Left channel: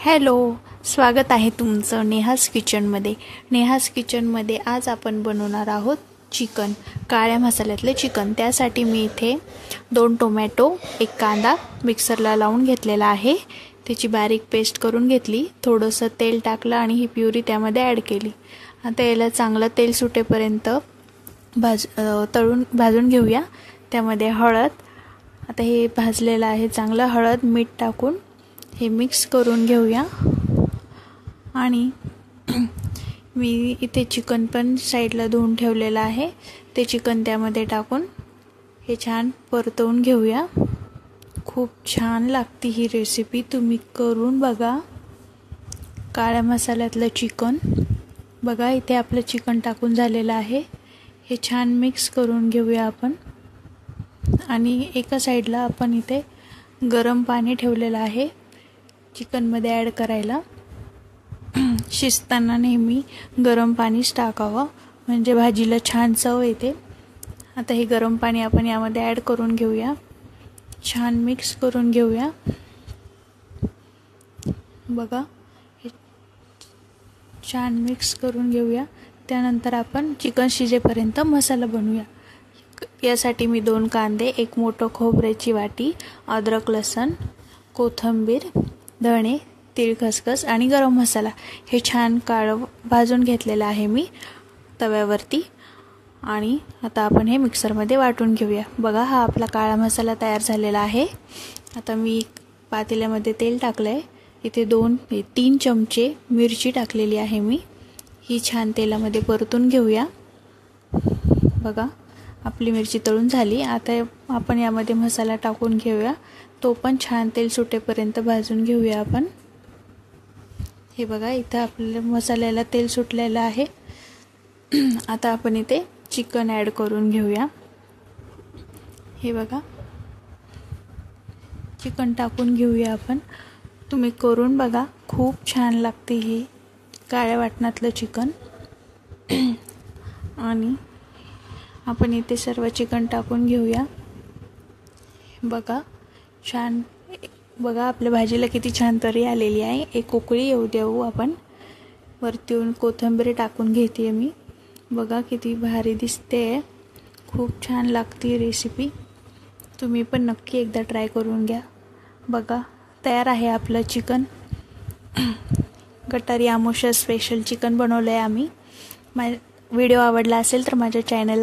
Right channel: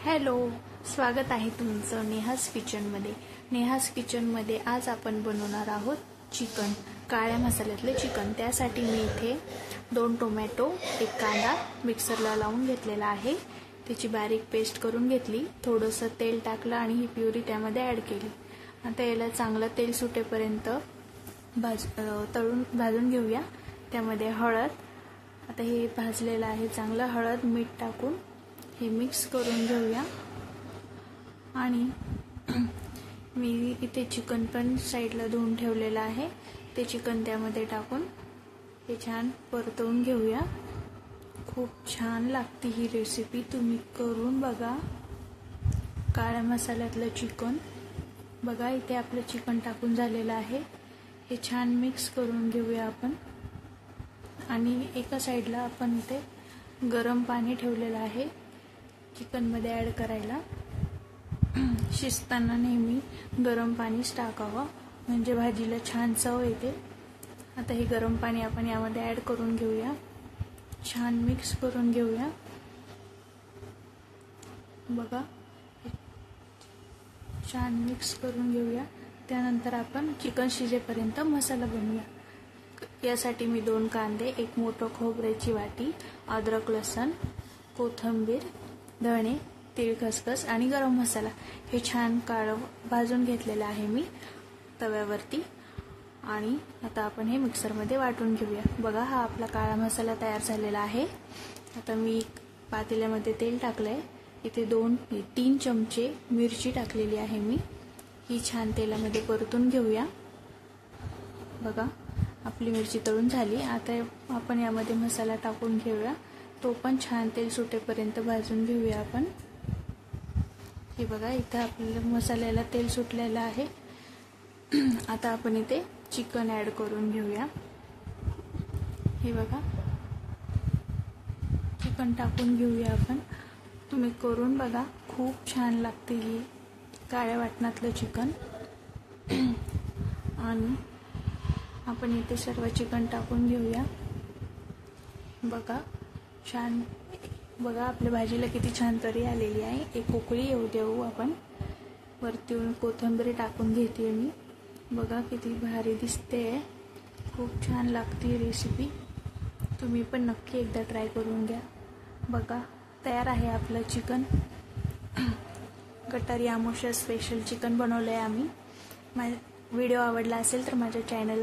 Hello, स्वागत आहे तुमचं नेहाज किचनमध्ये। नेहाज किचनमध्ये आज आपण बनवणार आहोत चिकन, काळ्या मसाल्यातले चिकन। त्यासाठी मी इथे 2 टोमॅटो, 1 कांदा मिक्सरला लावून घेतलेला आहे। त्याची बारीक पेस्ट करून घेतली। थोडंसं तेल टाकलं आणि ही प्युरी त्यामध्ये ॲड केली। आता याला चांगलं तेल सुटेपर्यंत भाजून घेऊया। त्यामध्ये हळद, आता हे भाजलेलं आहे चांगलं, हळद मीठ टाकून हे मिक्स करून घेऊया। आणि मी इथे चिकन पण साईडला धुवून ठेवलेलं आहे, ते चिकन त्यामध्ये टाकून हे छान परतवून घेऊया। खूप छान लागते ही रेसिपी, तुम्ही करून बघा। काळ्या मसाल्यातलं चिकन बघा, इथे आपलं चिकन टाकून झालेलं आहे। हे छान मिक्स करून घेऊया आपण। आणि एका साईडला आपण इथे गरम पाणी ठेवलेलं आहे चिकनमध्ये ॲड करायला। शिजताना नेहमी गरम पाणीच टाकावं, म्हणजे भाजीला छान चव येते। आता हे गरम पाणी आपण यामध्ये ॲड करून घेऊया, छान मिक्स करून घेऊया। बघा, हे छान मिक्स करून घेऊया। त्यानंतर आपण चिकन शिजेपर्यंत मसाला बनवूया। यासाठी मी 2 कांदे, 1 मोठं खोबऱ्याची वाटी, अद्रक लसूण, कोथिंबीर, धणे, तीळ, खसखस आणि गरम मसाला हे छान काळं भाजून घेतलेलं आहे मी तव्यावरती। आणि आता आपण हे मिक्सरमध्ये वाटून घेऊया। बघा, हा आपला काळा मसाला तयार झालेला आहे। आता मी पातेल्यामध्ये तेल टाकलंय, इथे 2-3 चमचे मिरची टाकलेली आहे मी, ही छान तेलामध्ये परतून घेऊया। बघा, आपली मिरची तळून झाली। आता आपण यामध्ये मसाला टाकून घेऊया, तो पण छान तेल सुटेपर्यंत भाजून घेऊया आपण। हे बघा, इथं आपल्या मसाल्याला तेल सुटलेलं आहे। आता आपण इथे चिकन ॲड करून घेऊया। हे बघा, चिकन टाकून घेऊया आपण। तुम्ही करून बघा, खूप छान लागते हे काळ्या वाटणातलं चिकन। आणि आपण इथे सर्व चिकन टाकून घेऊया। बघा, छान, बघा आपल्या भाजीला किती छान तरी आलेली आहे। एक उकळी येऊ देऊ आपण। वरतून कोथिंबीर टाकून घेते मी। बघा किती भारी दिसते, खूप छान लागते रेसिपी। तुम्ही पण नक्की एकदा ट्राय करून घ्या। बघा, तयार आहे आपलं चिकन। गटारी अमावस्या स्पेशल चिकन बनवलं आहे आम्ही। व्हिडिओ आवडला असेल तर माझ्या चॅनलला